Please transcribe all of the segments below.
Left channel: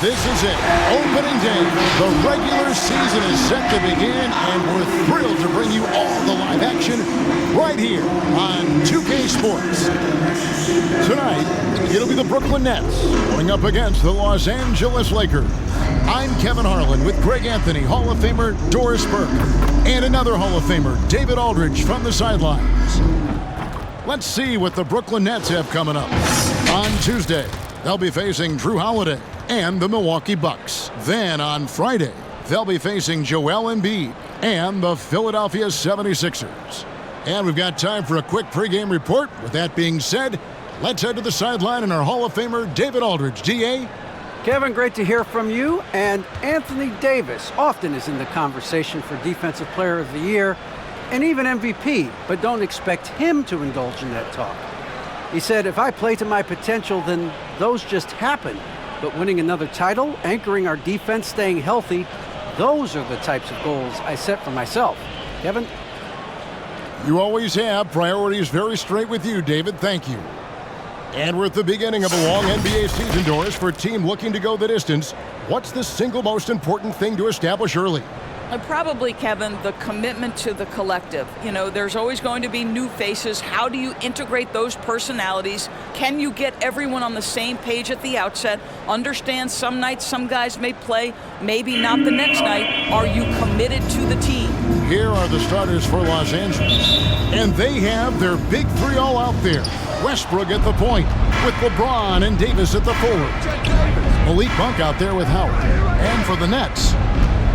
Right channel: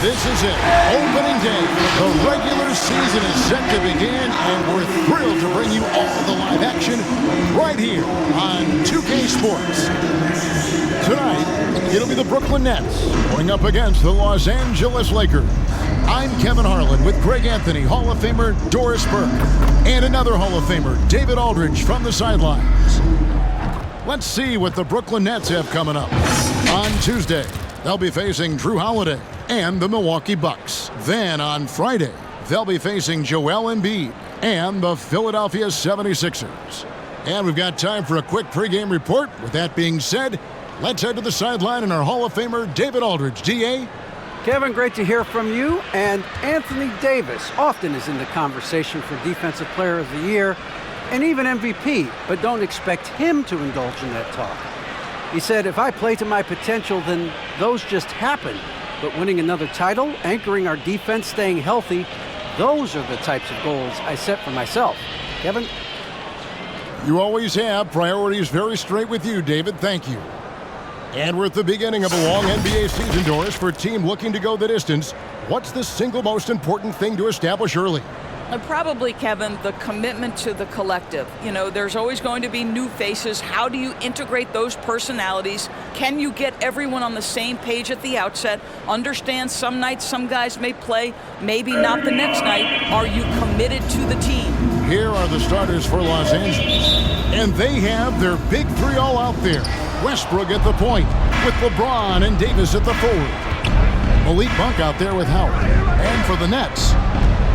This is it, opening day. The regular season is set to begin, and we're thrilled to bring you all the live action right here on 2K Sports. Tonight, it'll be the Brooklyn Nets going up against the Los Angeles Lakers. I'm Kevin Harlan with Greg Anthony, Hall of Famer Doris Burke, and another Hall of Famer, David Aldridge, from the sidelines. Let's see what the Brooklyn Nets have coming up. On Tuesday, they'll be facing Drew Holiday and the Milwaukee Bucks. Then on Friday, they'll be facing Joel Embiid and the Philadelphia 76ers. And we've got time for a quick pregame report. With that being said, let's head to the sideline and our Hall of Famer, David Aldridge. DA? Kevin, great to hear from you. And Anthony Davis often is in the conversation for Defensive Player of the Year and even MVP, but don't expect him to indulge in that talk. He said, if I play to my potential, then those just happen. But winning another title, anchoring our defense, staying healthy, those are the types of goals I set for myself. Kevin? You always have priorities very straight with you, David. Thank you. And we're at the beginning of a long NBA season, Doris. For a team looking to go the distance, what's the single most important thing to establish early? Probably, Kevin, the commitment to the collective. You know, there's always going to be new faces. How do you integrate those personalities? Can you get everyone on the same page at the outset? Understand some nights some guys may play, maybe not the next night. Are you committed to the team? Here are the starters for Los Angeles. And they have their big three all out there. Westbrook at the point, with LeBron and Davis at the forward. Malik Monk out there with Howard. And for the Nets,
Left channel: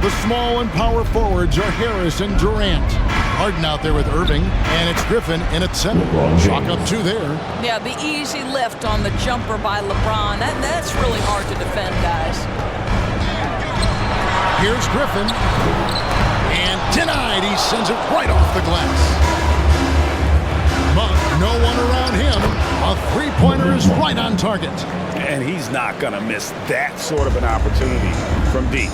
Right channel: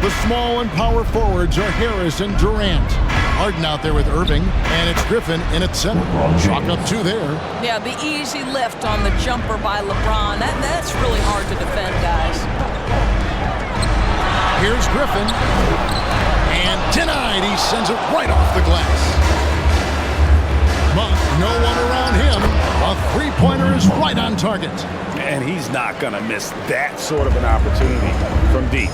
the small and power forwards are Harris and Durant. Harden out there with Irving, and it's Griffin in at center. Chalk up two there. Yeah, the easy lift on the jumper by LeBron. That's really hard to defend, guys. Here's Griffin. And denied. He sends it right off the glass. Monk, no one around him. A three-pointer is right on target. And he's not going to miss that sort of an opportunity from deep.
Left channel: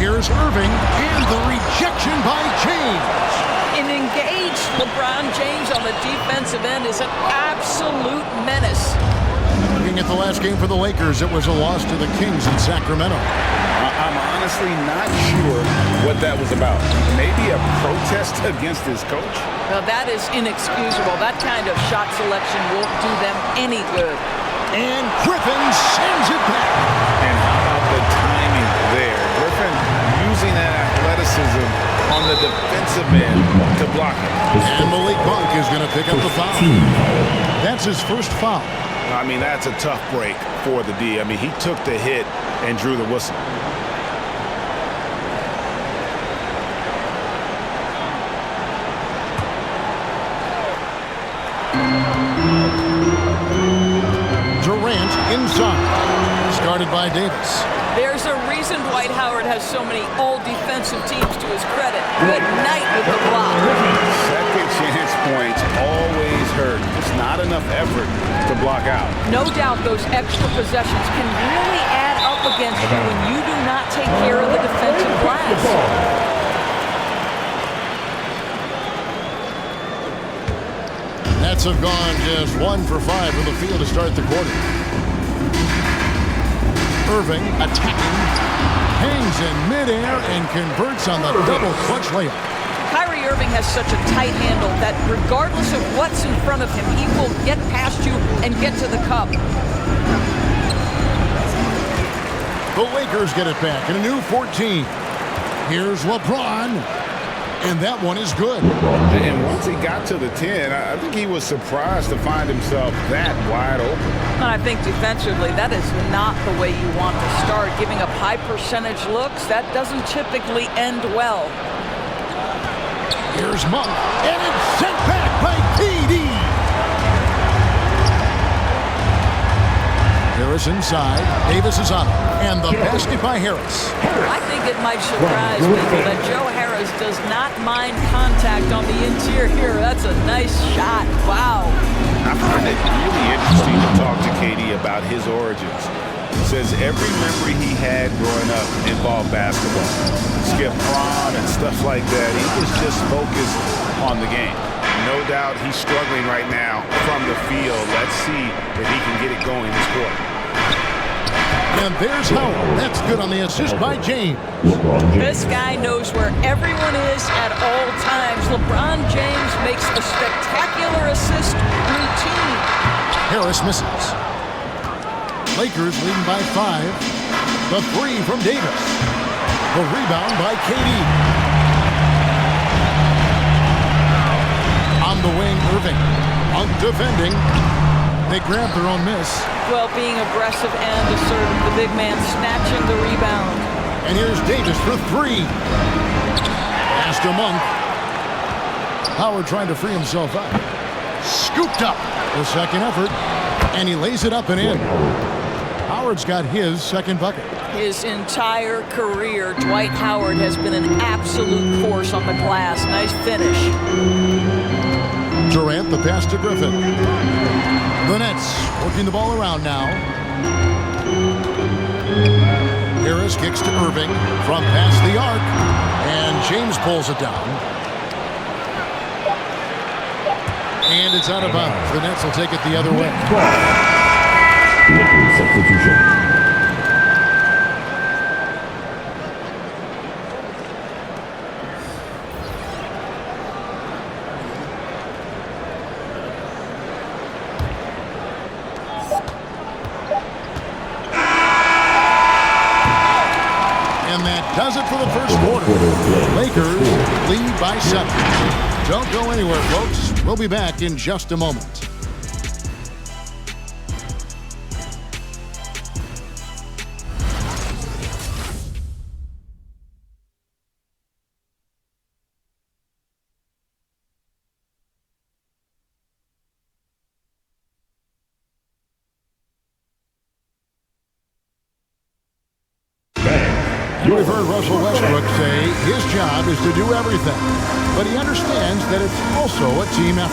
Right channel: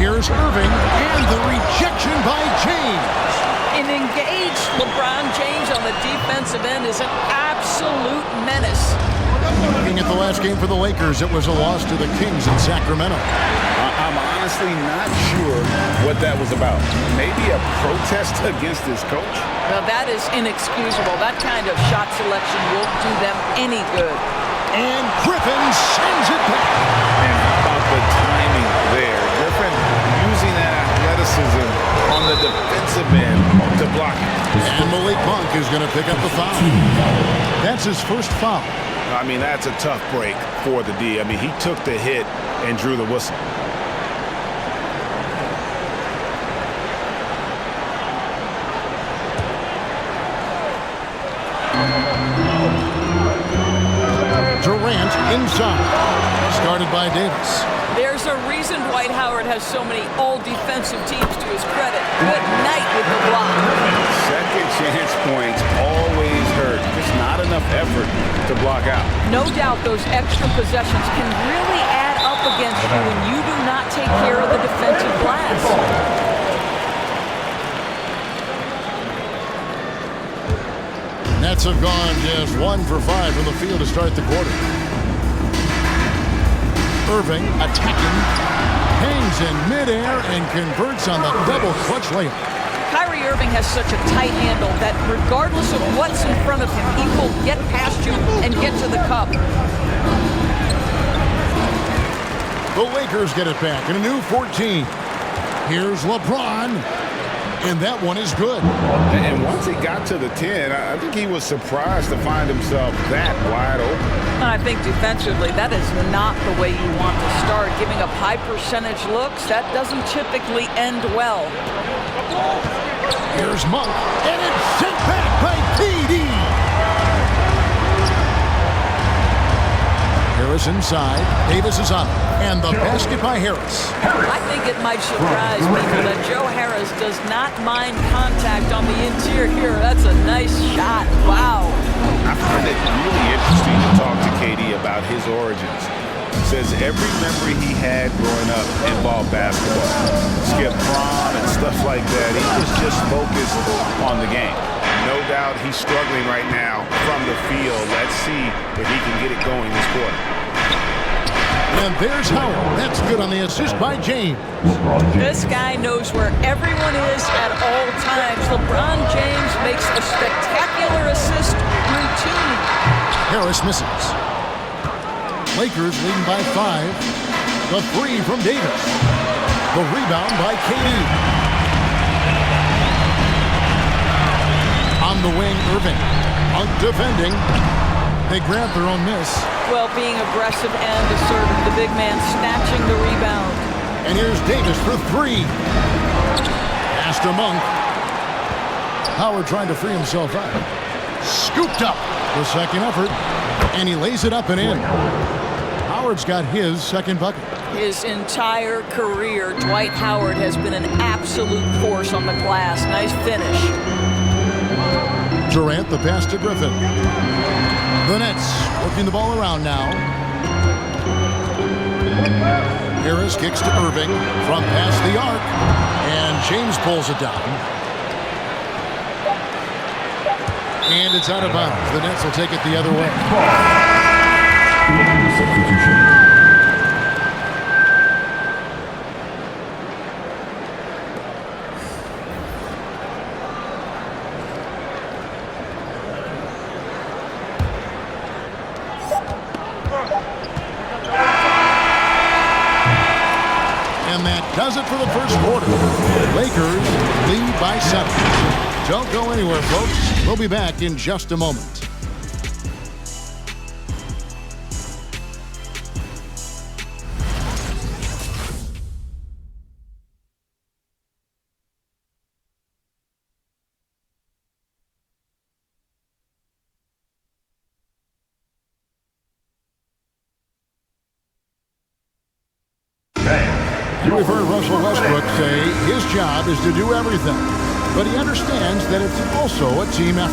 Here's Irving, and the rejection by James. An engaged LeBron James on the defensive end is an absolute menace. Looking at the last game for the Lakers, it was a loss to the Kings in Sacramento. I'm honestly not sure what that was about. Maybe a protest against his coach? Now that is inexcusable. That kind of shot selection won't do them any good. And Griffin sends it back. And how about the timing there? Griffin using that athleticism on the defensive end to block it. And Malik Monk is going to pick up the foul. That's his first foul. I mean, that's a tough break for the D. I mean, he took the hit and drew the whistle. Durant inside, started by Davis. There's a reason Dwight Howard has so many all-defensive teams to his credit. Good night with the block. Second chance points always hurt. Just not enough effort to block out. No doubt those extra possessions can really add up against you when you do not take care of the defensive glass. Nets have gone just 1 for 5 from the field to start the quarter. Irving attacking, hangs in midair and converts on the double clutch layup. Kyrie Irving has such a tight handle that regardless of what's in front of him, he will get past you and get to the cup. The Lakers get it back in a new 14. Here's LeBron. And that one is good. And once he got to the 10, I think he was surprised to find himself that wide open. I think defensively, that is not the way you want to start. Giving up high percentage looks, that doesn't typically end well. Here's Monk, and it's sent back by KD. Harris inside. Davis is on it. And the basket by Harris. I think it might surprise people that Joe Harris does not mind contact on the interior. That's a nice shot. Wow. I find it really interesting to talk to KD about his origins. Says every memory he had growing up involved basketball. Skip prom and stuff like that. He was just focused on the game. no doubt he's struggling right now from the field. Let's see if he can get it going this quarter. And there's Howard. That's good on the assist by James. This guy knows where everyone is at all times. LeBron James makes a spectacular assist routine. Harris misses. Lakers leading by 5. The 3 from Davis. The rebound by KD. On the wing, Irving. Defending. They grab their own miss. Well, being aggressive and assertive. The big man snatching the rebound. And here's Davis for 3. Pass to Monk. Howard trying to free himself up. Scooped up. The second effort. And he lays it up and in. Howard's got his second bucket. His entire career, Dwight Howard has been an absolute force on the glass. Nice finish. Durant, the pass to Griffin. The Nets working the ball around now. Harris kicks to Irving from past the arc. And James pulls it down. And it's out of bounds. The Nets will take it the other way. Lakers substitution. And that does it for the first quarter. Lakers lead by 7. Don't go anywhere, folks. We'll be back in just a moment. We've heard Russell Westbrook say his job is to do everything, but he understands that it's also a team effort.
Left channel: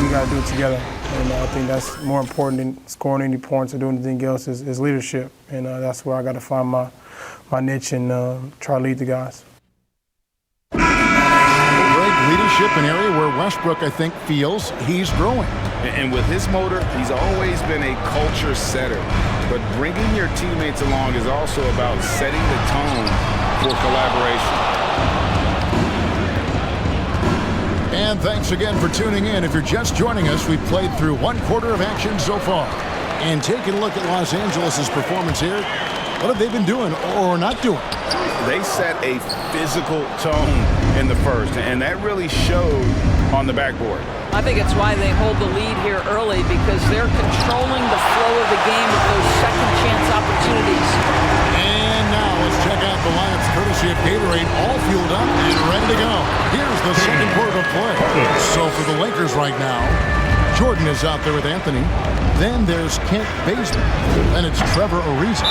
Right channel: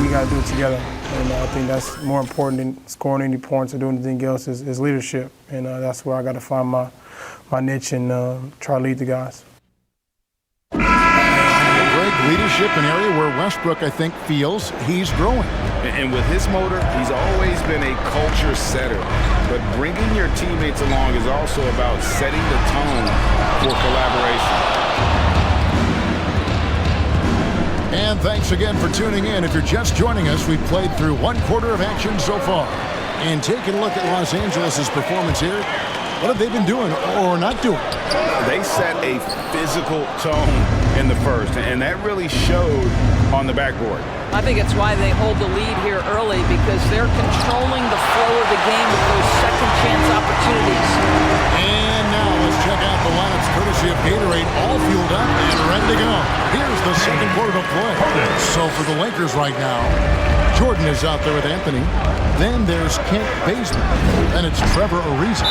We got to do it together, and I think that's more important than scoring any points or doing anything else is leadership, and that's where I got to find my niche and try to lead the guys. Greg, leadership, an area where Westbrook, I think, feels he's growing. And with his motor, he's always been a culture setter. But bringing your teammates along is also about setting the tone for collaboration. And thanks again for tuning in. If you're just joining us, we've played through one quarter of action so far. And taking a look at Los Angeles' performance here, what have they been doing or not doing? They set a physical tone in the first, and that really showed on the backboard. I think it's why they hold the lead here early, because they're controlling the flow of the game with those second chance opportunities. And now let's check out the lineups courtesy of Gatorade, all fueled up and ready to go. Here's the second quarter to play. So for the Lakers right now, Jordan is out there with Anthony. Then there's Kent Bazemore. Then it's Trevor Ariza.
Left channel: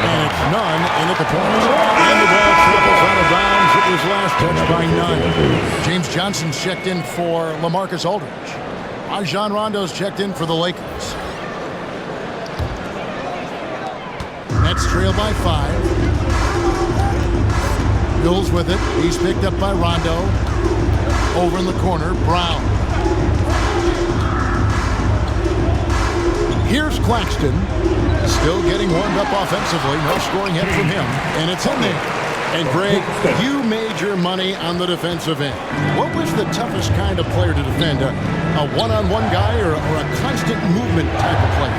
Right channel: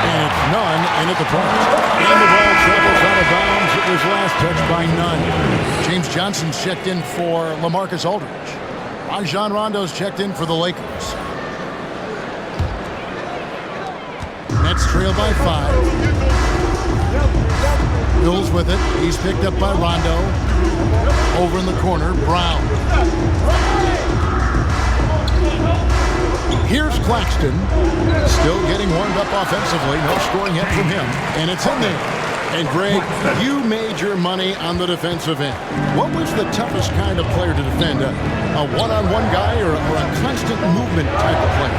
And it's Nunn in at the point. And the ball travels out of bounds. It was last touched by Nunn. James Johnson's checked in for LaMarcus Aldridge. Rajon Rondo's checked in for the Lakers. Nets trail by 5. Mills with it. He's picked up by Rondo. Over in the corner, Brown. Here's Claxton, still getting warmed up offensively. No scoring hit from him, and it's in there. And Greg, you made your money on the defensive end. What was the toughest kind of player to defend? A one-on-one guy or a constant movement type of player?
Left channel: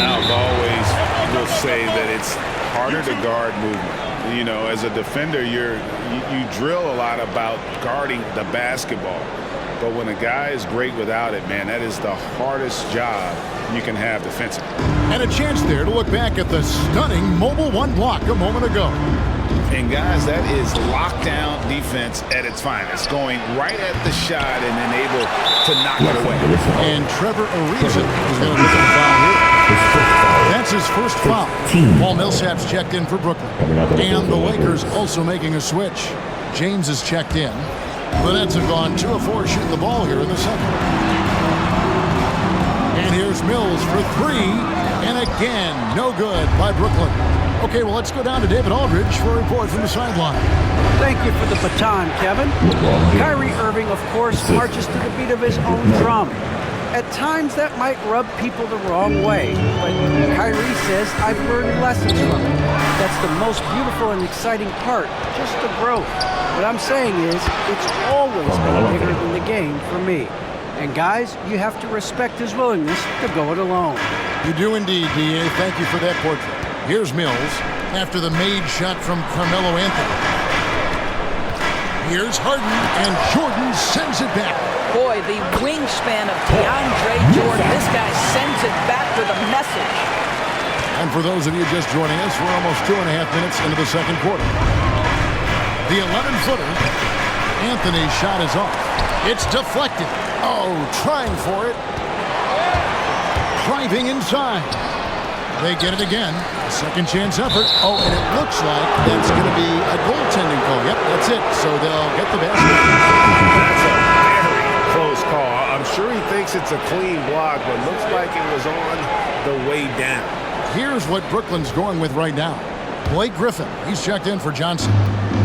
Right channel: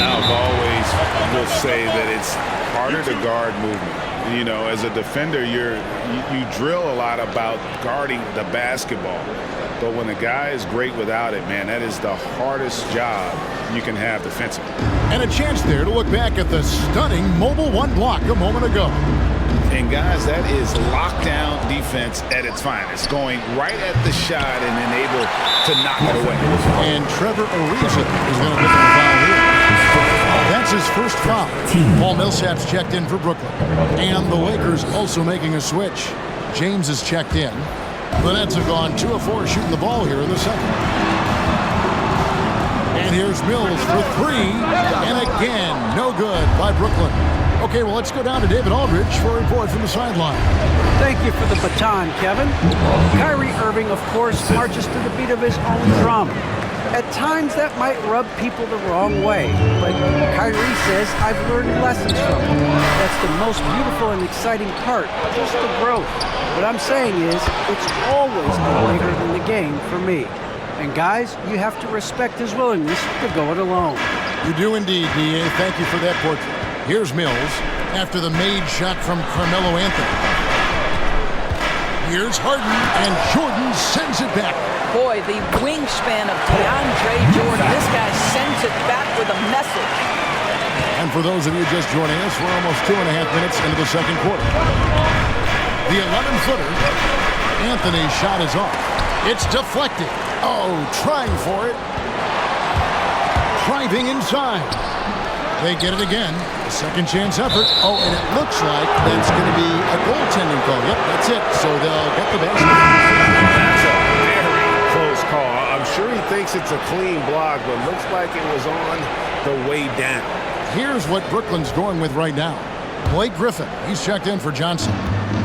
I've always will say that it's harder to guard movement. You know, as a defender, you drill a lot about guarding the basketball. But when a guy is great without it, man, that is the hardest job you can have defensively. And a chance there to look back at the stunning mobile one block a moment ago. And guys, that is lockdown defense at its finest, going right at the shot and then able to knock it away. And Trevor Ariza is going to pick up a foul here. That's his first foul. Paul Millsap's checked in for Brooklyn. And the Lakers also making a switch. James is checked in. The Nets have gone 2 of 4 shooting the ball here in the second. And here's Mills for 3. And again, no good by Brooklyn. Okay, well, let's go down to David Aldridge for a report from the sideline. Thank you for the baton, Kevin. Kyrie Irving, of course, marches to the beat of his own drum. At times, that might rub people the wrong way, but Kyrie says, I've learned lessons from it. That's the most beautiful and exciting part, just the growth. What I'm saying is, it's always been bigger than the game for me. And guys, you have to respect his willingness to go it alone. You do indeed, D.A. Thank you for that portrait. Here's Mills after the made shot from Carmelo Anthony. Here's Harden, and Jordan sends it back. Boy, the wingspan of DeAndre Jordan. This guy sends it back with a message. And for those of you just joining us, we're almost 2.5 minutes into the second quarter. The 11-footer, Anthony's shot is off. It's deflected. Oh, trying for it. Driving inside. They get it again. A second chance effort. Oh, and it looks like that's going to be a goaltending call. Yep, that's it. So they'll get the basket. That's a very close call. I'm sure he thinks it's a clean block, but looks like it was on the way down. Here's what Brooklyn's going with right now. Blake Griffin, he's checked in for Johnson.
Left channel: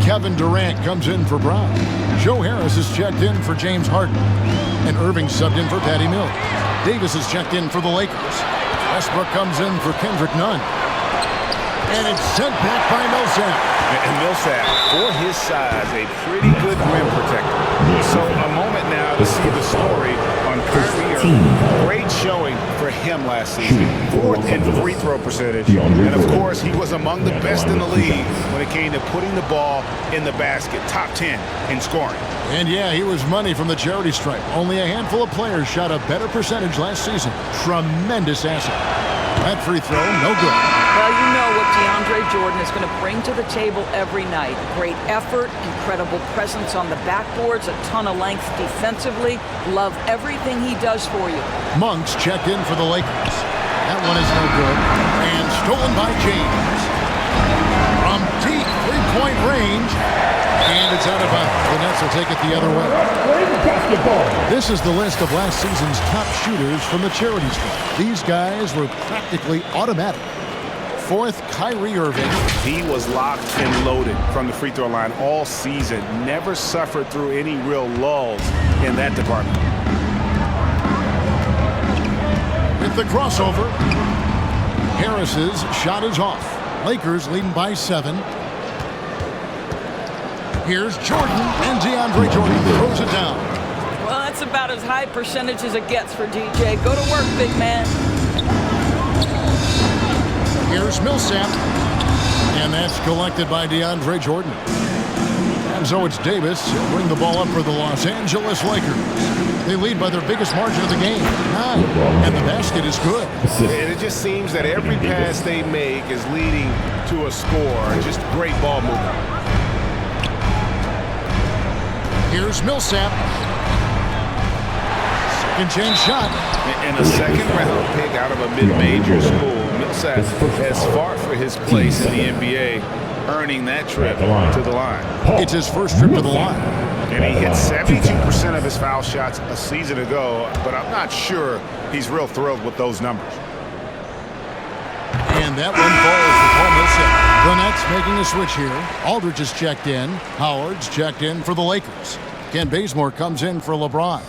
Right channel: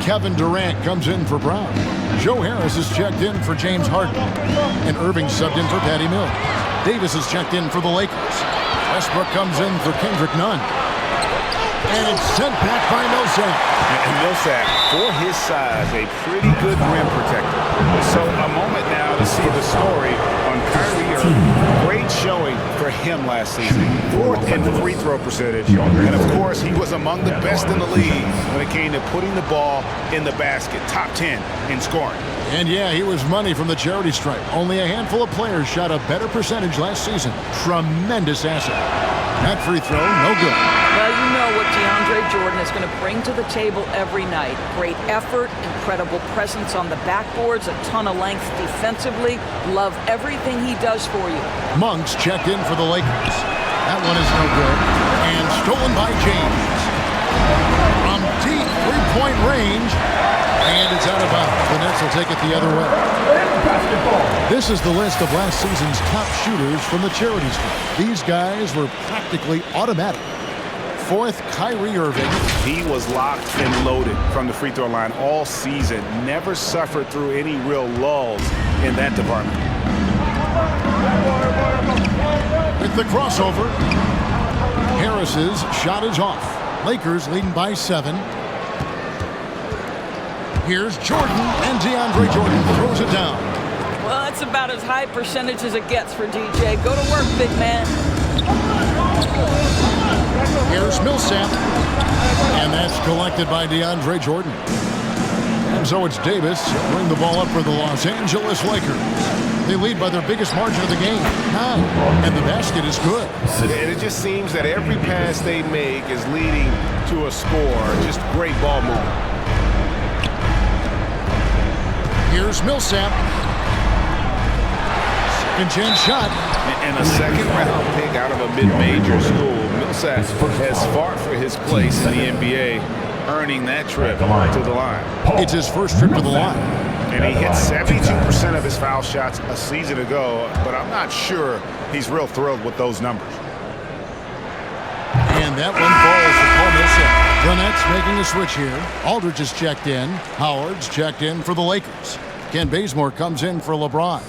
Kevin Durant comes in for Brown. Joe Harris is checked in for James Harden. And Irving subbed in for Patty Mills. Davis is checked in for the Lakers. Westbrook comes in for Kendrick Nunn. And it's sent back by Millsap. And Millsap, for his size, a pretty good rim protector. So a moment now to see the story on Kyrie Irving. Great showing for him last season. 4th in free throw percentage. And of course, he was among the best in the league when it came to putting the ball in the basket. Top 10 in scoring. And yeah, he was money from the charity stripe. Only a handful of players shot a better percentage last season. Tremendous asset. That free throw, no good. Well, you know what DeAndre Jordan is going to bring to the table every night. Great effort, incredible presence on the backboards, a ton of length defensively. Love everything he does for you. Monk's checked in for the Lakers. That one is no good. And stolen by James. From deep three-point range. And it's out of bounds. The Nets will take it the other way. This is the list of last season's top shooters from the charity stripe. These guys were practically automatic. 4th, Kyrie Irving. He was locked and loaded from the free throw line all season. Never suffered through any real lulls in that department. With the crossover, Harris's shot is off. Lakers leading by 7. Here's Jordan, and DeAndre Jordan throws it down. Well, that's about as high percentage as it gets for DJ. Go to work, big man. Here's Millsap, and that's collected by DeAndre Jordan. And so it's Davis. He'll bring the ball up for the Los Angeles Lakers. They lead by their biggest margin of the game, 9. And the basket is good. And it just seems that every pass they make is leading to a score. Just great ball movement. Here's Millsap. Second chance shot. And a second-round pick out of a mid-major school. Millsap has fought for his place in the NBA, earning that trip to the line. It's his first trip to the line. And he hit 72% of his foul shots a season ago, but I'm not sure he's real thrilled with those numbers. And that one falls for Paul Millsap. The Nets making a switch here. Aldridge is checked in. Howard's checked in for the Lakers. Ken Bazemore comes in for LeBron.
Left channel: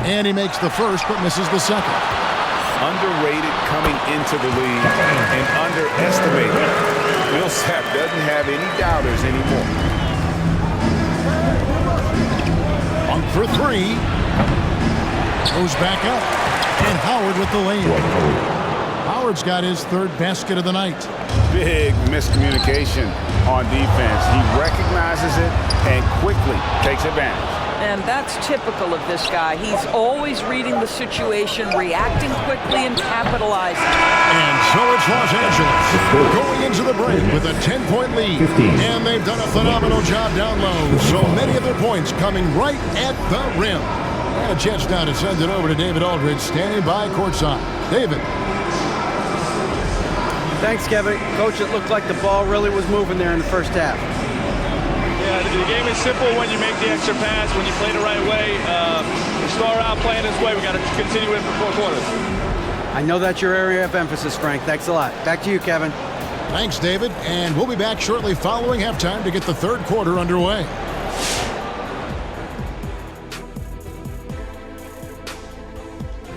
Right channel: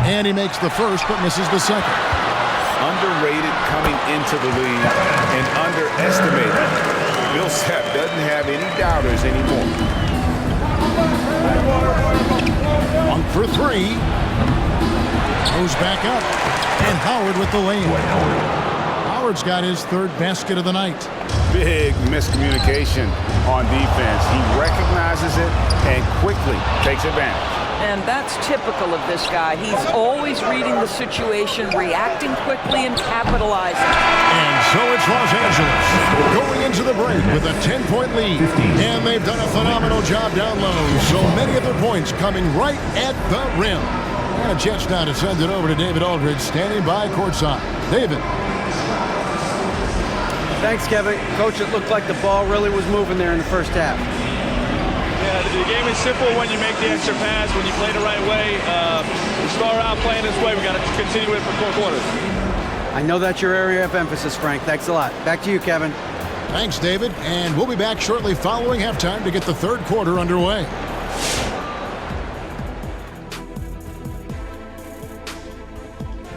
And he makes the first but misses the second. Underrated coming into the league and underestimated. Millsap doesn't have any doubters anymore. On for 3. Goes back up. And Howard with the layup. Howard's got his 3rd basket of the night. Big miscommunication on defense. He recognizes it and quickly takes advantage. And that's typical of this guy. He's always reading the situation, reacting quickly, and capitalizing. And so it's Los Angeles going into the break with a 10-point lead. And they've done a phenomenal job down low. So many of their points coming right at the rim. And a chance now to send it over to David Aldridge, standing by courtside. David. Thanks, Kevin. Coach, it looked like the ball really was moving there in the first half. Yeah, the game is simple when you make the extra pass, when you play the right way. We start out playing this way. We got to continue it for 4 quarters. I know that's your area of emphasis, Frank. Thanks a lot. Back to you, Kevin. Thanks, David. And we'll be back shortly following halftime to get the third quarter underway.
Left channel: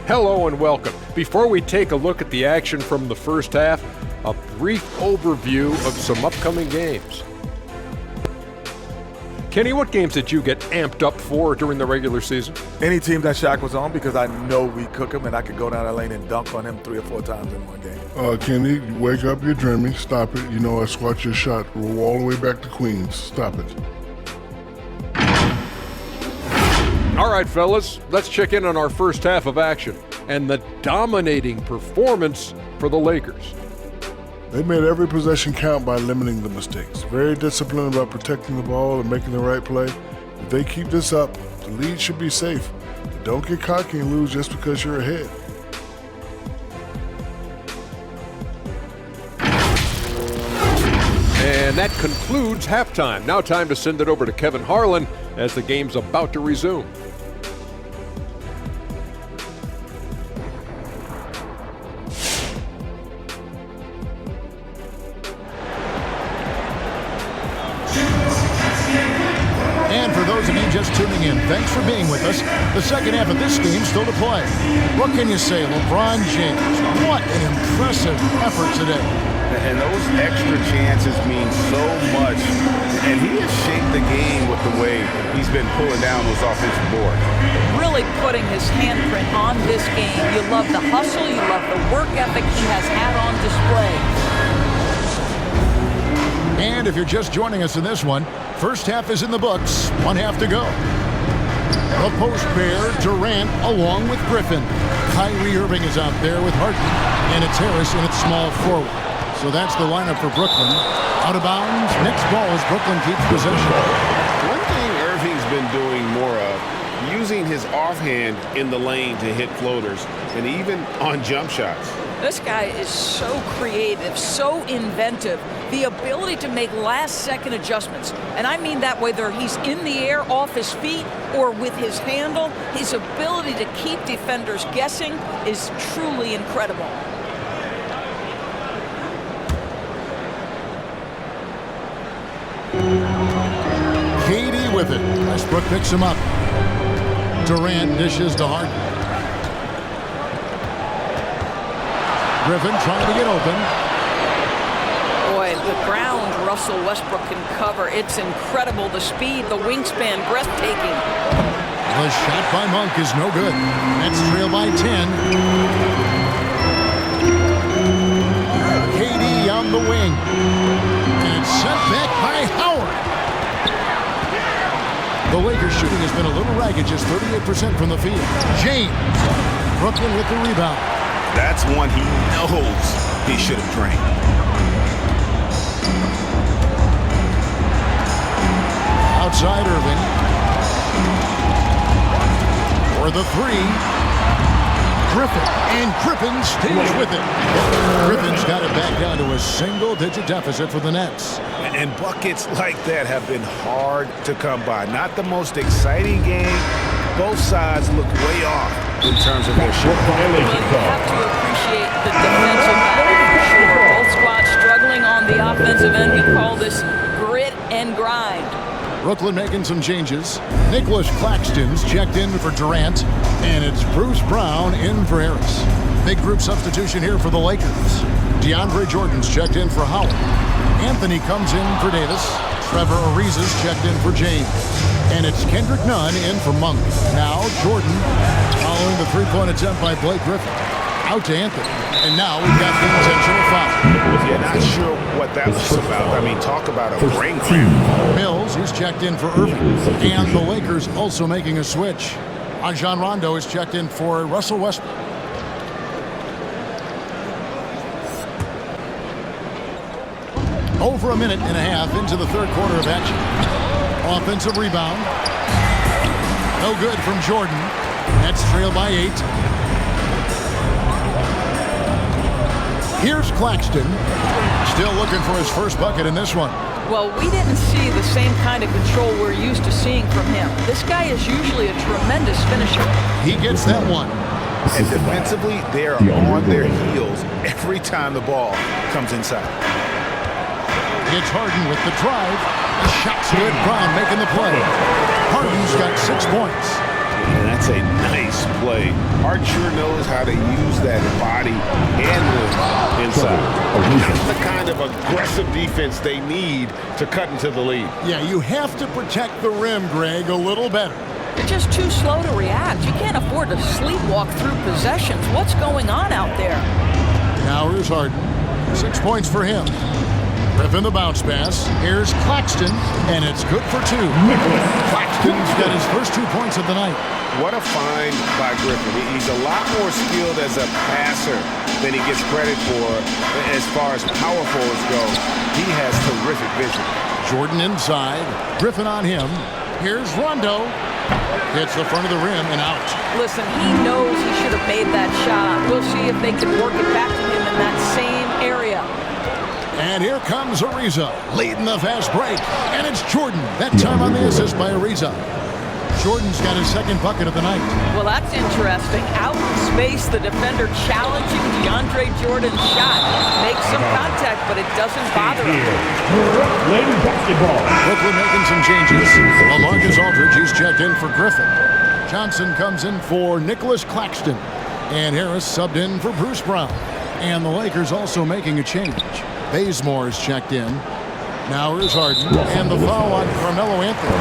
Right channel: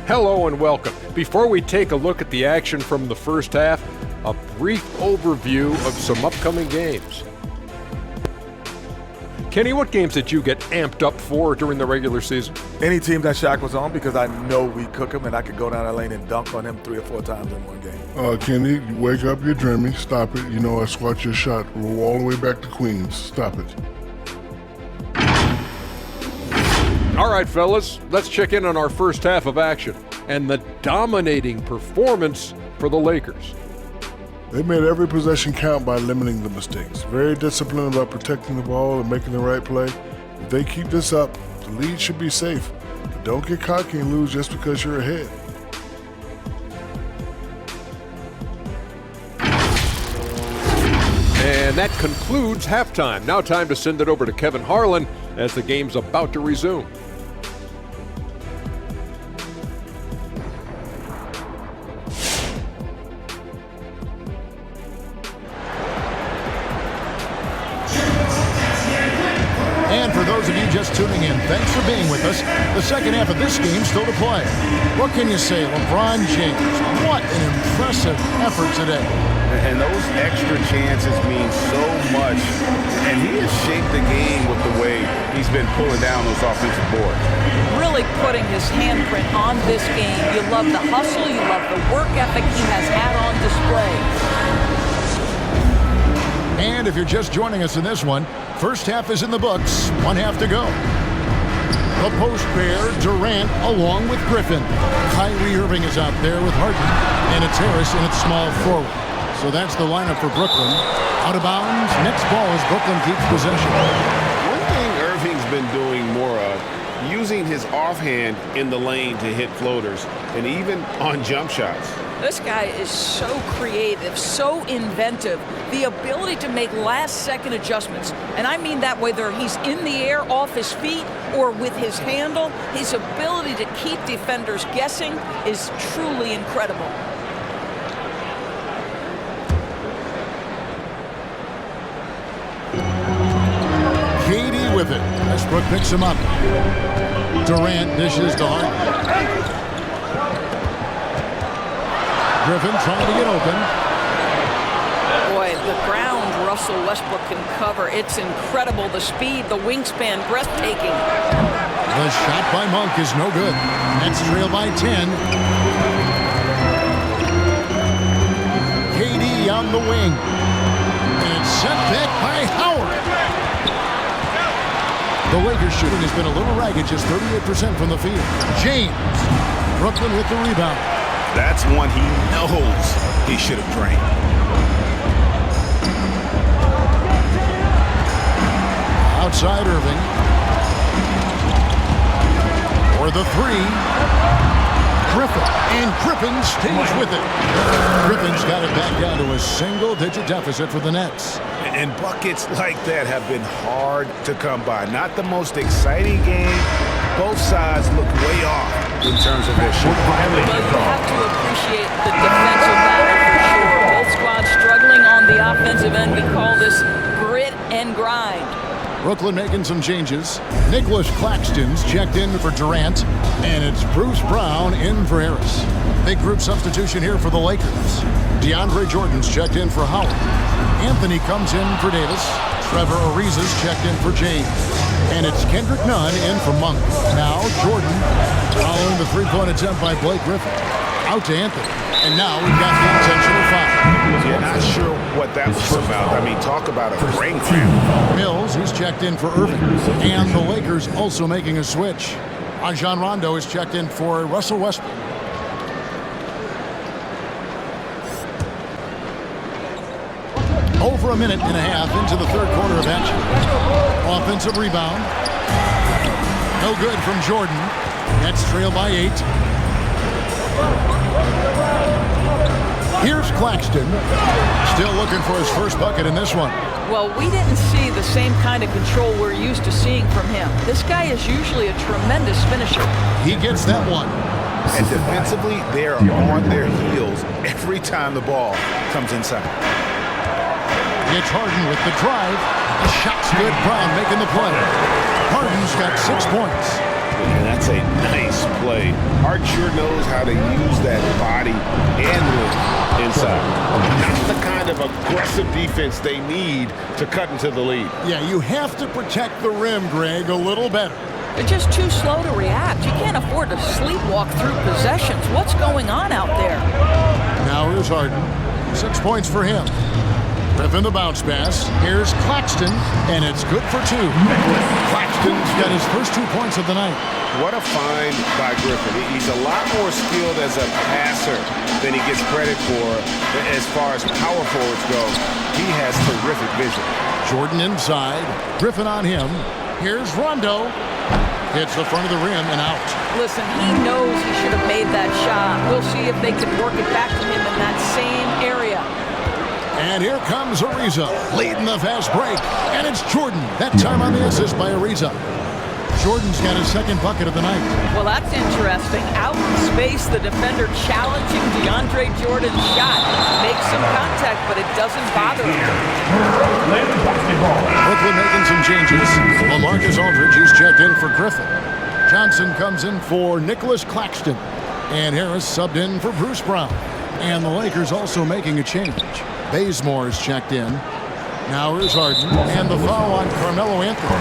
Hello and welcome. Before we take a look at the action from the first half, a brief overview of some upcoming games. Kenny, what games did you get amped up for during the regular season? Any team that Shaq was on, because I know we cook him and I could go down that lane and dunk on him 3 or 4 times in one game. Kenny, wake up, you're dreaming. Stop it. You know I squat your shot. Roll all the way back to Queens. Stop it. All right, fellas, let's check in on our first half of action and the dominating performance for the Lakers. They made every possession count by limiting the mistakes. Very disciplined about protecting the ball and making the right play. If they keep this up, the lead should be safe. But don't get cocky and lose just because you're ahead. And that concludes halftime. Now time to send it over to Kevin Harlan as the game's about to resume. And for those of you just tuning in, thanks for being with us. The second half of this game still to play. What can you say, LeBron James? What an impressive effort today. And those extra chances mean so much. And he has shaped the game with the way he's been pulling down those offensive boards. Really putting his handprint on this game. You love the hustle, you love the work ethic he has had on display. And if you're just joining us in this one, first half is in the books, one half to go. The post pair, Durant along with Griffin. Kyrie Irving is out there with Harden, and it's Harris in its small forward. So that's the lineup for Brooklyn. Out of bounds, next ball as Brooklyn keeps possession. One thing Irving's been doing more of, using his offhand in the lane to hit floaters, and even on jump shots. This guy is so creative, so inventive. The ability to make last-second adjustments. And I mean that whether he's in the air off his feet or with his handle, his ability to keep defenders guessing is truly incredible. KD with it. Westbrook picks him up. Durant dishes to Harden. Griffin trying to get open. Boy, the ground Russell Westbrook can cover. It's incredible. The speed, the wingspan, breathtaking. The shot by Monk is no good. Nets trail by 10. KD on the wing. And it's sent back by Howard. The Lakers shooting has been a little ragged, just 38% from the field. James. Brooklyn with the rebound. That's one he knows he should have drained. Outside Irving. For the three. Griffin. And Griffin stays with it. Griffin's got it back down to a single-digit deficit for the Nets. And buckets like that have been hard to come by. Not the most exciting game. Both sides look way off in terms of their shooting. But you have to appreciate the defensive battle for sure. Both squads struggling on the offensive end. We call this grit and grind. Brooklyn making some changes. Nicholas Claxton's checked in for Durant, and it's Bruce Brown in for Harris. Big group substitution here for the Lakers. DeAndre Jordan's checked in for Howard. Anthony comes in for Davis. Trevor Ariza's checked in for James. And it's Kendrick Nunn in for Monk. Now Jordan following the three-point attempt by Blake Griffin. Out to Anthony. And now we've got the intentional foul. Yeah, not sure what that was about. I mean, talk about a brain cramp. Mills, he's checked in for Irving. And the Lakers also making a switch. Rajon Rondo is checked in for Russell Westbrook. Over a minute and a half into the third quarter of action. Offensive rebound. No good from Jordan. Nets trail by 8. Here's Claxton. Still looking for his first bucket in this one. Well, we didn't see the same kind of control we're used to seeing from him. This guy is usually a tremendous finisher. He gets that one. And defensively, they are on their heels every time the ball comes inside. It's Harden with the drive. The shot's good. Brown making the play. Harden's got 6 points. And that's a nice play. Harden sure knows how to use that body and lift inside. Not the kind of aggressive defense they need to cut into the lead. Yeah, you have to protect the rim, Greg, a little better. They're just too slow to react. You can't afford to sleepwalk through possessions. What's going on out there? Now here's Harden. 6 points for him. Griffin the bounce pass. Here's Claxton, and it's good for 2. Claxton's got his first 2 points of the night. What a find by Griffin. He's a lot more skilled as a passer than he gets credit for as far as power forwards go. He has terrific vision. Jordan inside. Griffin on him. Here's Rondo. Hits the front of the rim and out. Listen, he knows he should have made that shot. We'll see if they can work it back to him in that same area. And here comes Ariza, leading the fast break. And it's Jordan, that time on the assist by Ariza. Jordan's got his second bucket of the night. Well, that's interesting. Out in space, the defender challenging DeAndre Jordan's shot. Makes some contact, but it doesn't bother him. Brooklyn making some changes. LaMarcus Aldridge, he's checked in for Griffin. Johnson comes in for Nicholas Claxton. And Harris subbed in for Bruce Brown. And the Lakers also making a change. Bazemore's checked in. Now here's Harden, and the foul on Carmelo Anthony.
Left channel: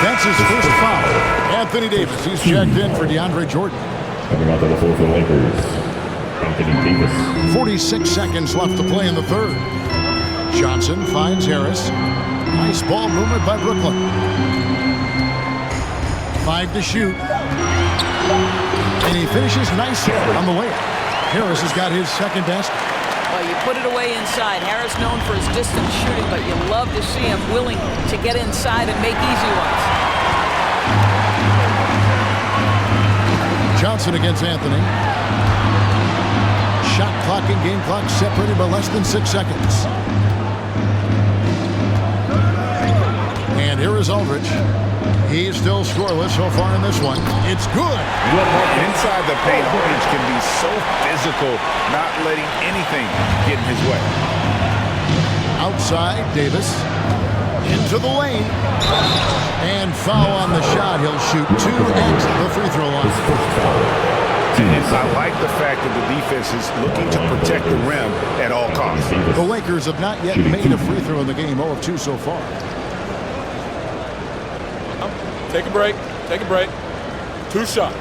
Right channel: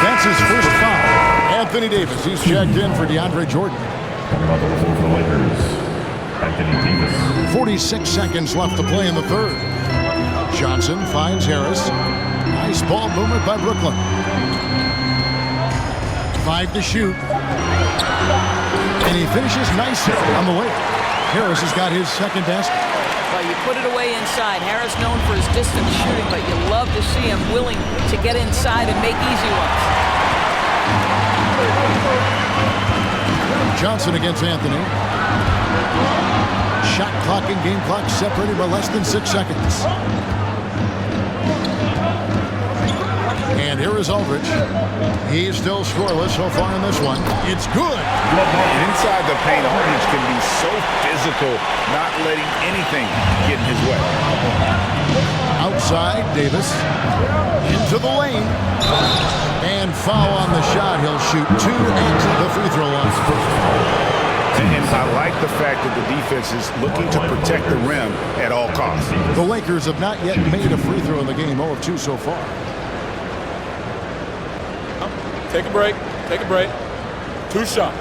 That's his first foul. Anthony Davis, he's checked in for DeAndre Jordan. Coming out to the floor for the Lakers, Anthony Davis. 46 seconds left to play in the third. Johnson finds Harris. Nice ball movement by Brooklyn. 5 to shoot. And he finishes nicely on the layup. Harris has got his second basket. Well, you put it away inside. Harris known for his distance shooting, but you love to see him willing to get inside and make easy ones. Johnson against Anthony. Shot clock and game clock separated by less than 6 seconds. And here is Aldridge. He's still scoreless so far in this one. It's good. Inside the paint, Aldridge can be so physical, not letting anything get in his way. Outside, Davis. Into the lane. And foul on the shot. He'll shoot 2 at the free throw line. And I like the fact that the defense is looking to protect the rim at all costs. The Lakers have not yet made a free throw in the game, 0 of 2 so far. Take a break. Take a break. 2 shots.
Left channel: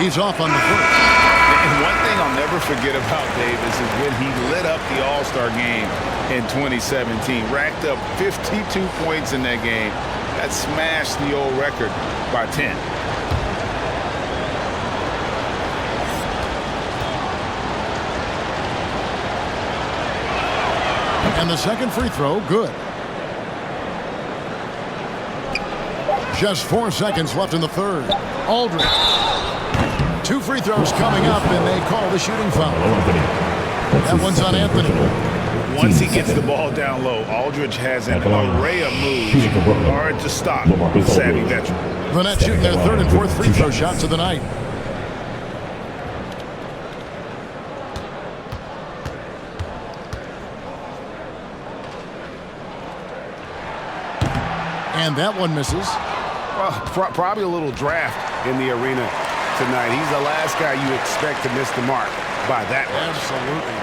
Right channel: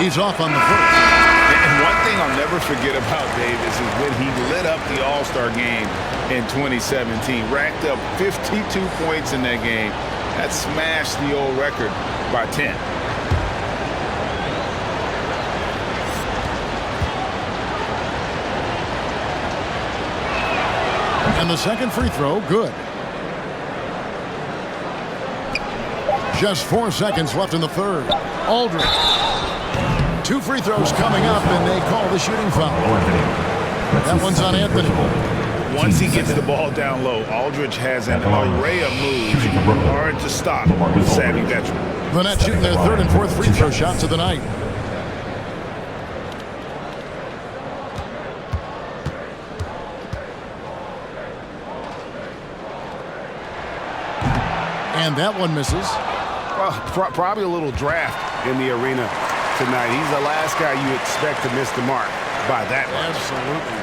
He's off on the first. And one thing I'll never forget about Davis is when he lit up the All-Star game in 2017. Racked up 52 points in that game. That smashed the old record by 10. And the second free throw, good. Just 4 seconds left in the third. Aldridge. 2 free throws coming up, and they call the shooting foul. That one's on Anthony. Once he gets the ball down low, Aldridge has an array of moves. Hard to stop the savvy veteran. The Nets shooting their third and fourth free throw shots of the night. And that one misses. Well, probably a little draft in the arena tonight. He's the last guy you expect to miss the mark by that much. Absolutely.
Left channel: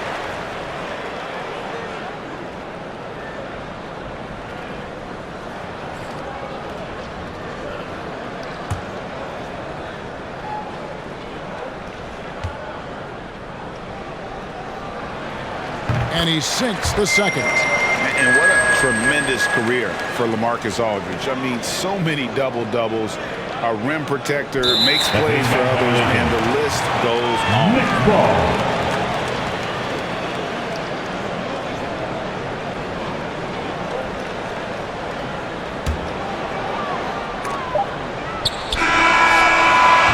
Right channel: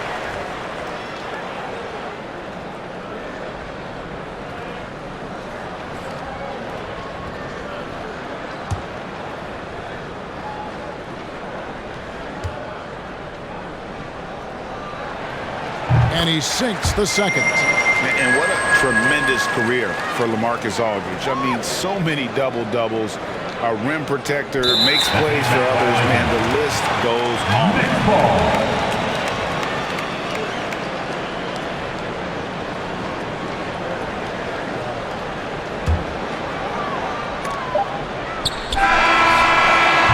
And he sinks the second. And what a tremendous career for LaMarcus Aldridge. I mean, so many double-doubles, a rim protector, makes plays for others, man, the list goes on. Next ball.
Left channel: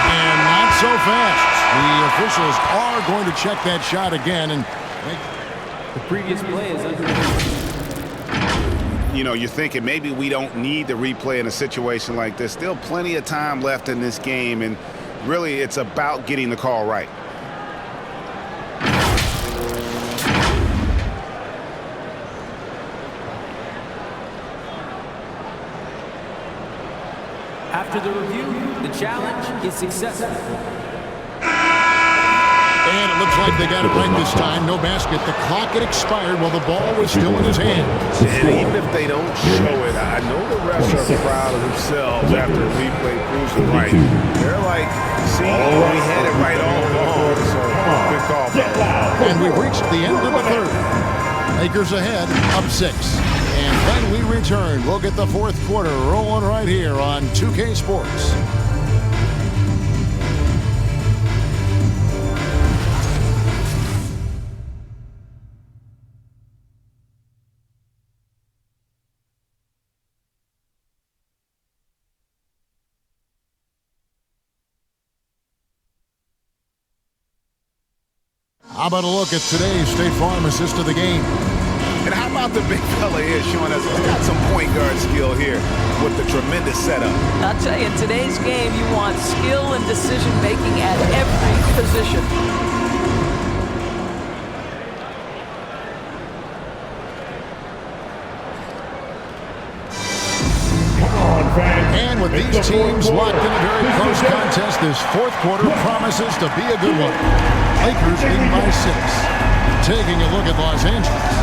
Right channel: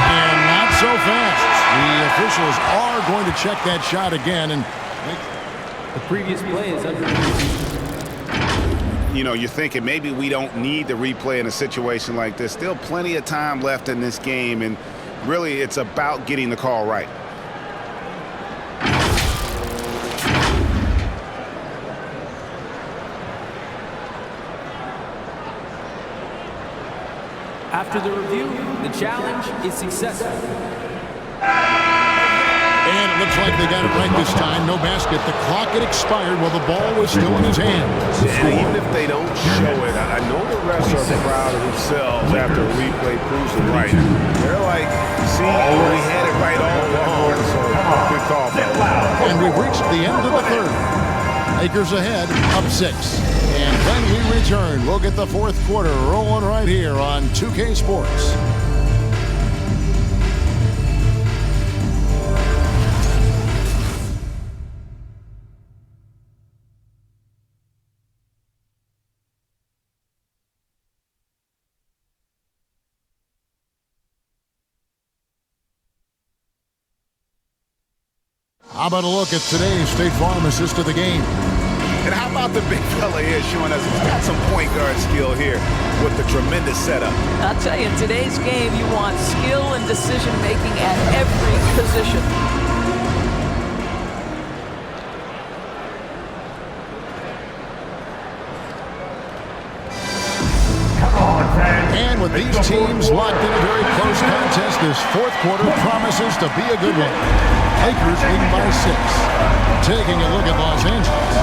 And not so fast. The officials are going to check that shot again and make The previous play is under review. You know, you're thinking maybe we don't need the replay in a situation like this. Still plenty of time left in this game, and really it's about getting the call right. After the review, the challenge is successful. And it looks like they got it right this time. No basket. The clock had expired while the ball was still in his hand. And even if they don't show it, I know the refs are proud of themselves after a replay proves it right. They're like, see, we had it right all along. So good call, fellas. And we've reached the end of the third. Lakers ahead, up 6. And when we return, we'll get the fourth quarter rolling right here on 2K Sports. How about a look at today's State Farm assist of the game? And how about the big fella here showing us he's got some point guard skill here with the tremendous setup. I'll tell you, in today's game, you want skill and decision-making at every position. And with these teams locked in a very close contest, this fourth quarter promises to be a good one. Lakers leading by 6. Taking a look at Los Angeles.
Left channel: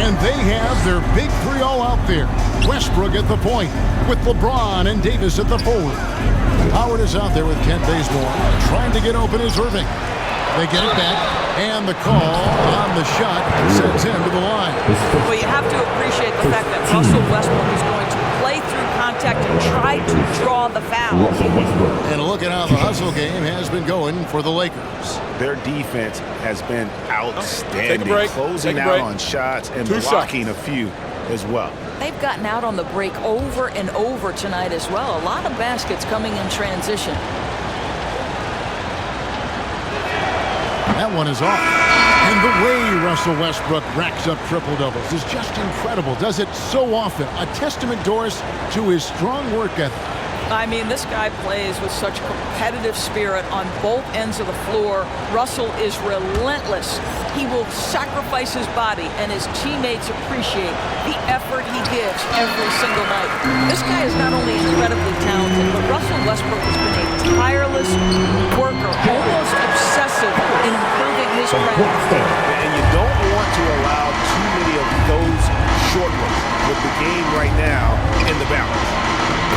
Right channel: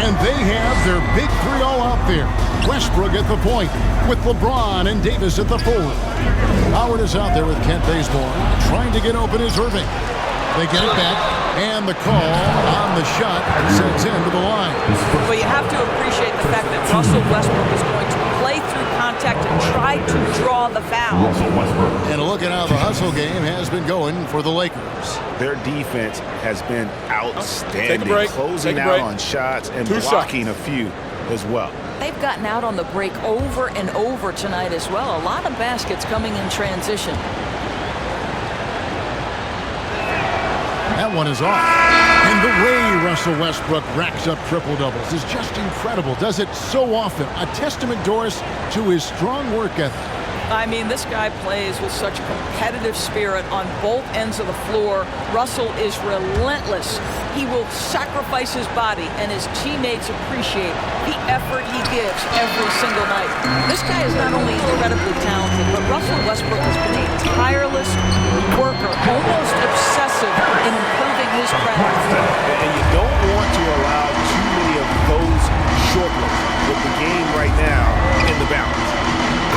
And they have their big three all out there. Westbrook at the point with LeBron and Davis at the forward. Howard is out there with Kent Bazemore. Trying to get open is Irving. They get it back, and the call on the shot sends him to the line. Well, you have to appreciate the fact that Russell Westbrook is going to play through contact and try to draw the foul. And a look at how the hustle game has been going for the Lakers. Their defense has been outstanding, Take a break. closing out on shots and blocking a few as well. They've gotten out on the break over and over tonight as well. A lot of baskets coming in transition. That one is off. And the way Russell Westbrook racks up triple-doubles is just incredible. Does it so often. A testament, Doris, to his strong work ethic. I mean, this guy plays with such competitive spirit on both ends of the floor. Russell is relentless. He will sacrifice his body, and his teammates appreciate the effort he gives every single night. This guy is not only incredibly talented, but Russell Westbrook has been a tireless worker, almost obsessive in improving his craft. And you don't want to allow too many of those short looks with the game right now in the balance.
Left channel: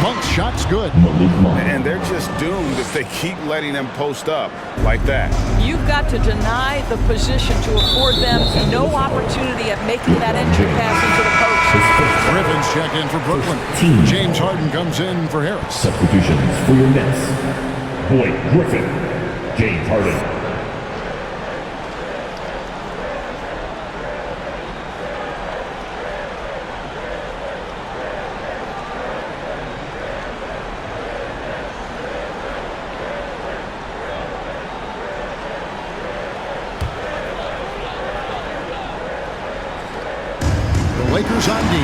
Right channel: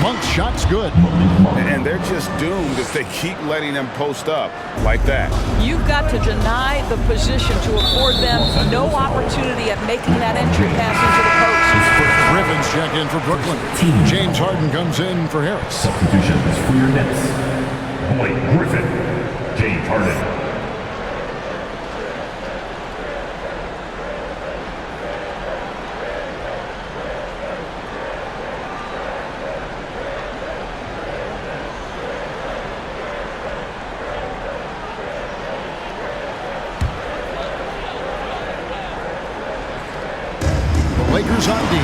Monk's shot's good. And they're just doomed if they keep letting them post up like that. You've got to deny the position to afford them no opportunity at making that entry pass into the post. Griffin's checked in for Brooklyn. James Harden comes in for Harris. Substitutions for your Nets. Blake Griffin, James Harden. Lakers on D.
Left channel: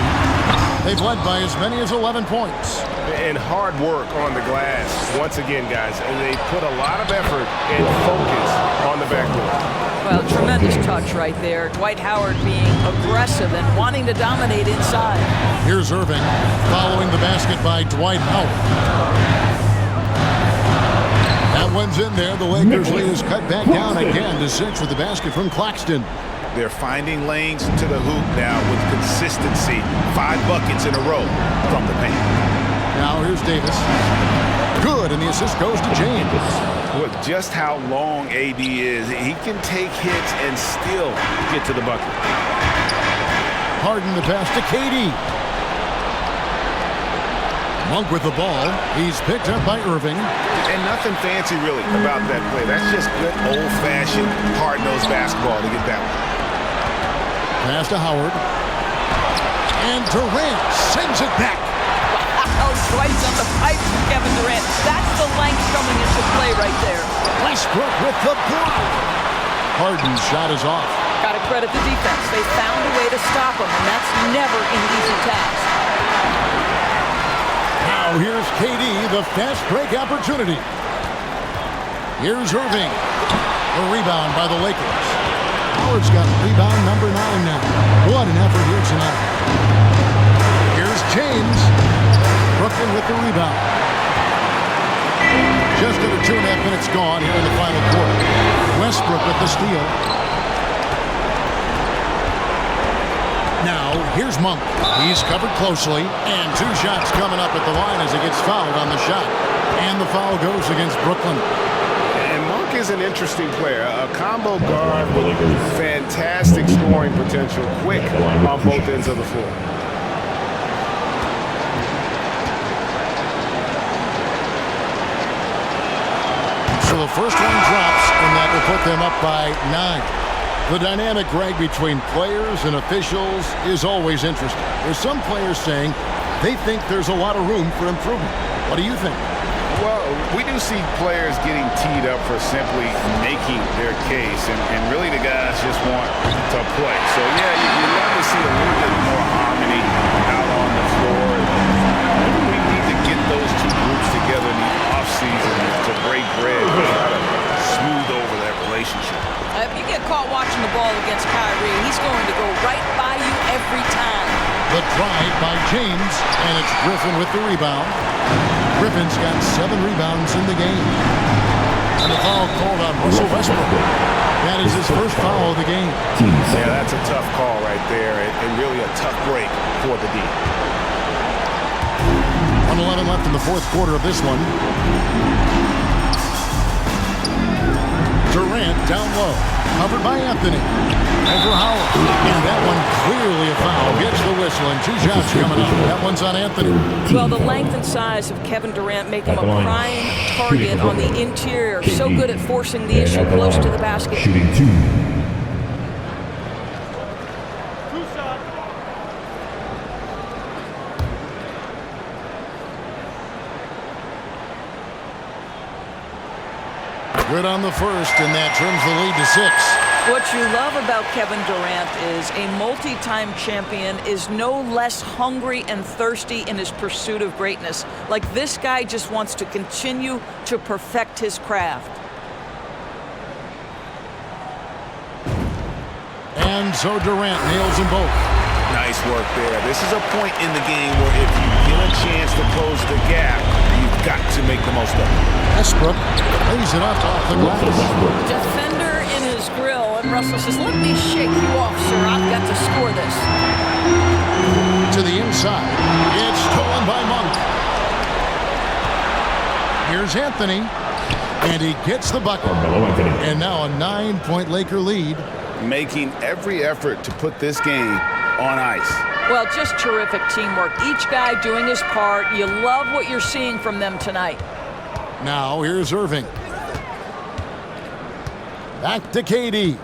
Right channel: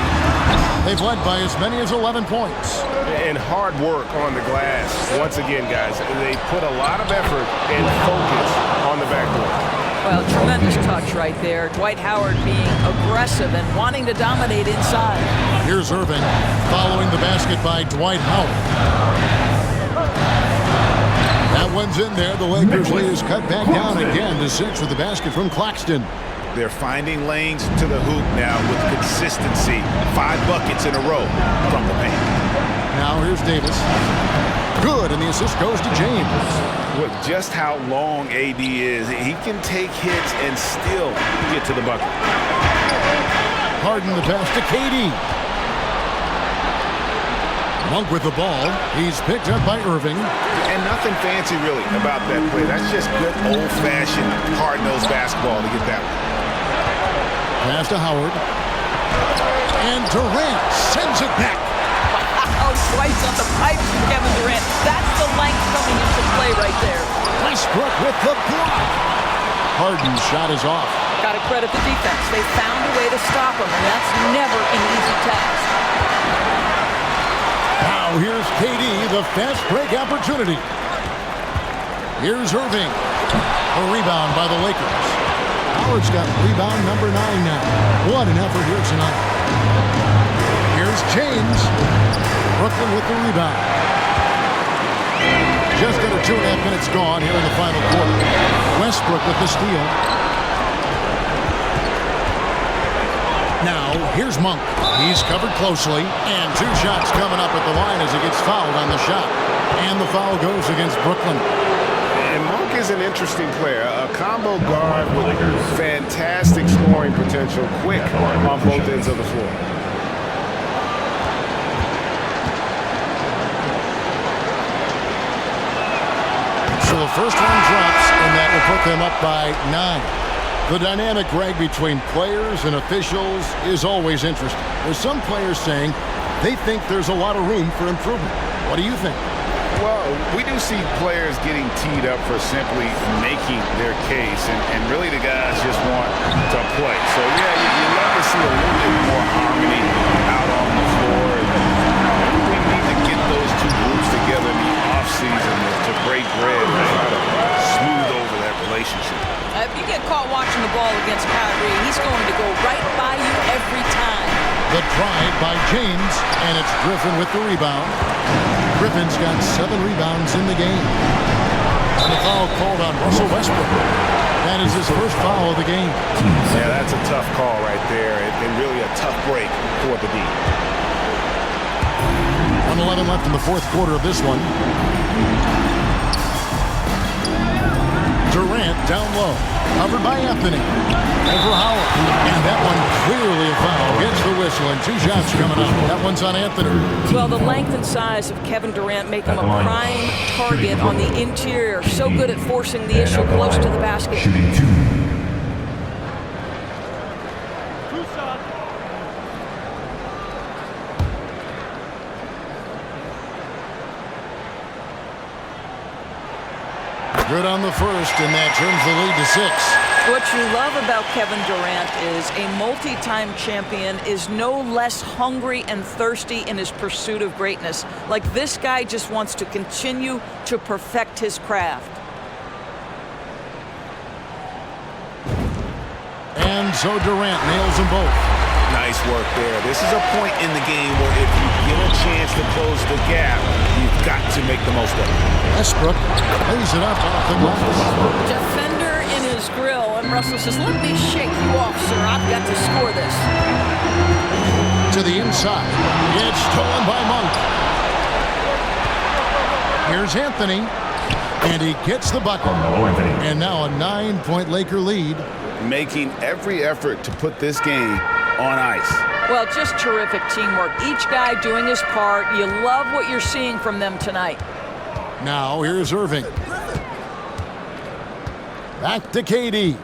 They've led by as many as 11 points. And hard work on the glass. Once again, guys, they put a lot of effort and focus on the backboard. Well, tremendous touch right there. Dwight Howard being aggressive and wanting to dominate inside. Here's Irving following the basket by Dwight Howard. That one's in there. The Lakers lead is cut back down again to 6 with the basket from Claxton. They're finding lanes to the hoop now with consistency. 5 buckets in a row from the paint. Now here's Davis. Good, and the assist goes to James. With just how long AD is, he can take hits and still get to the bucket. Harden the pass to KD. Monk with the ball. He's picked up by Irving. And nothing fancy really about that play. That's just good old-fashioned hard-nosed basketball to get that one. Pass to Howard. And Durant sends it back. Wow, twice on the pipe from Kevin Durant. That's the length coming into play right there. Westbrook with the block. Harden's shot is off. Got to credit the defense. They found a way to stop him, and that's never an easy task. Now here's KD, the fast break opportunity. Here's Irving. A rebound by the Lakers. Howard's got rebound number 9 now. What an effort here tonight. Here's James. Brooklyn with the rebound. Just under 2.5 minutes gone here in the final quarter. Westbrook with the steal. Now, here's Monk. He's covered closely, and 2 shots coming up at the line as he gets fouled on the shot. And the foul goes against Brooklyn. And Monk is an interesting player. A combo guard with fantastic scoring potential, quick on both ends of the floor. So the first one drops, and that will put them up by 9. The dynamic, Greg, between players and officials is always interesting. There's some players saying they think there's a lot of room for improvement. What do you think? Well, we do see players getting teed up for simply making their case, and really the guys just want to play. So, yeah, you love to see a little bit more harmony out on the floor. And we need to get those 2 groups together in the offseason to break bread and try to smooth over that relationship. If you get caught watching the ball against Kyrie, he's going to go right by you every time. The drive by James, and it's Griffin with the rebound. Griffin's got 7 rebounds in the game. And the foul called on Russell Westbrook. That is his first foul of the game. Yeah, that's a tough call right there, and really a tough break for the D. 1:11 left in the fourth quarter of this one. Durant down low, covered by Anthony. Over Howard, and that one clearly a foul. Gets the whistle, and 2 shots coming up. That one's on Anthony. Well, the length and size of Kevin Durant make him a prime target on the interior. So good at forcing the issue close to the basket. Shooting 2. Good on the first, and that turns the lead to 6. What you love about Kevin Durant is a multi-time champion is no less hungry and thirsty in his pursuit of greatness. Like, this guy just wants to continue to perfect his craft. And so Durant nails them both. Nice work there. This is a point in the game where if you get a chance to close the gap, you've got to make the most of it. Westbrook plays it up off the glass. Defender in his grill, and Russell says, "Let me shake you off, sir. I've got to score this." To the inside. It's stolen by Monk. Here's Anthony. And he gets the bucket. And now a 9-point Laker lead. Making every effort to put this game on ice. Well, just terrific teamwork. Each guy doing his part. You love what you're seeing from them tonight. Now here's Irving. Back to KD.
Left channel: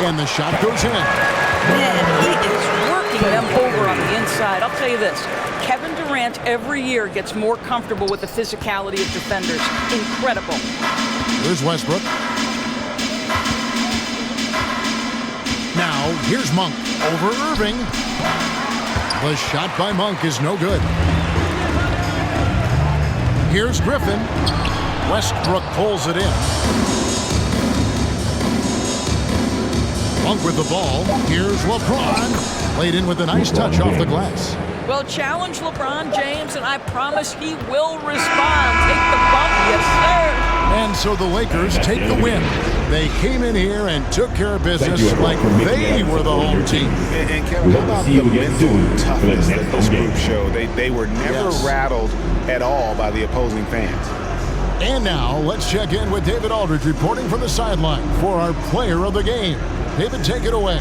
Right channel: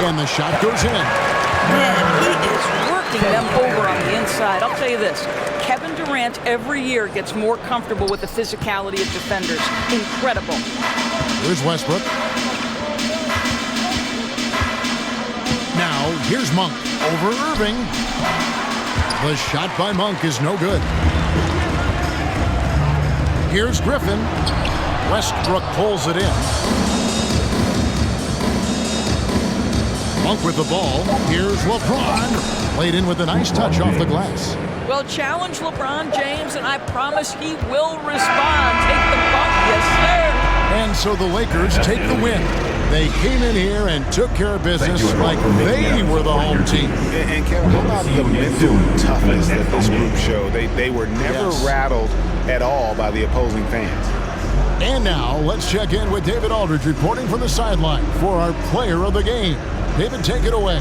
And the shot goes in. Man, he is working them over on the inside. I'll tell you this, Kevin Durant every year gets more comfortable with the physicality of defenders. Incredible. Here's Westbrook. Now, here's Monk over Irving. The shot by Monk is no good. Here's Griffin. Westbrook pulls it in. Monk with the ball. Here's LeBron. Laid in with a nice touch off the glass. Well, challenge LeBron James, and I promise he will respond. Take the bump, yes, sir. And so the Lakers take the win. They came in here and took care of business like they were the home team. And Kevin, how about the mental toughness that this group showed? They were never rattled at all by the opposing fans. And now let's check in with David Aldridge reporting from the sideline for our player of the game. David, take it away.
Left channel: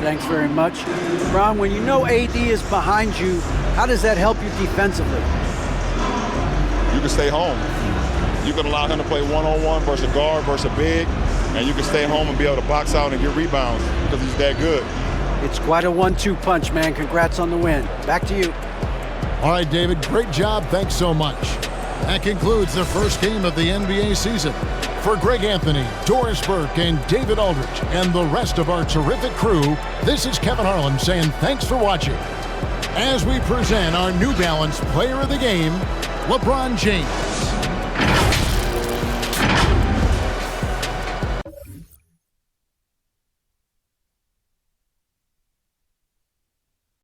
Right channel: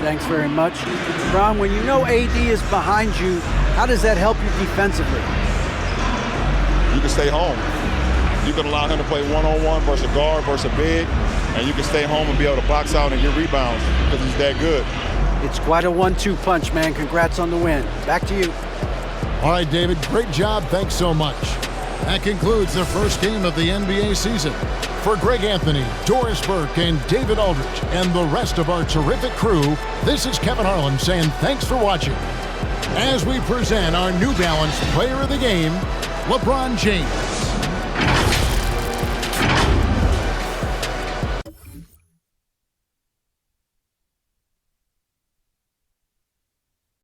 Thanks very much. Ron, when you know AD is behind you, how does that help you defensively? You can stay home. You can allow him to play one-on-one versus a guard versus a big, and you can stay home and be able to box out and get rebounds because he's that good. It's quite a 1-2 punch, man. Congrats on the win. Back to you. All right, David, great job. Thanks so much. That concludes the first game of the NBA season. For Greg Anthony, Doris Burke, and David Aldridge, and the rest of our terrific crew, this is Kevin Harlan saying thanks for watching. As we present our New Balance Player of the Game, LeBron James.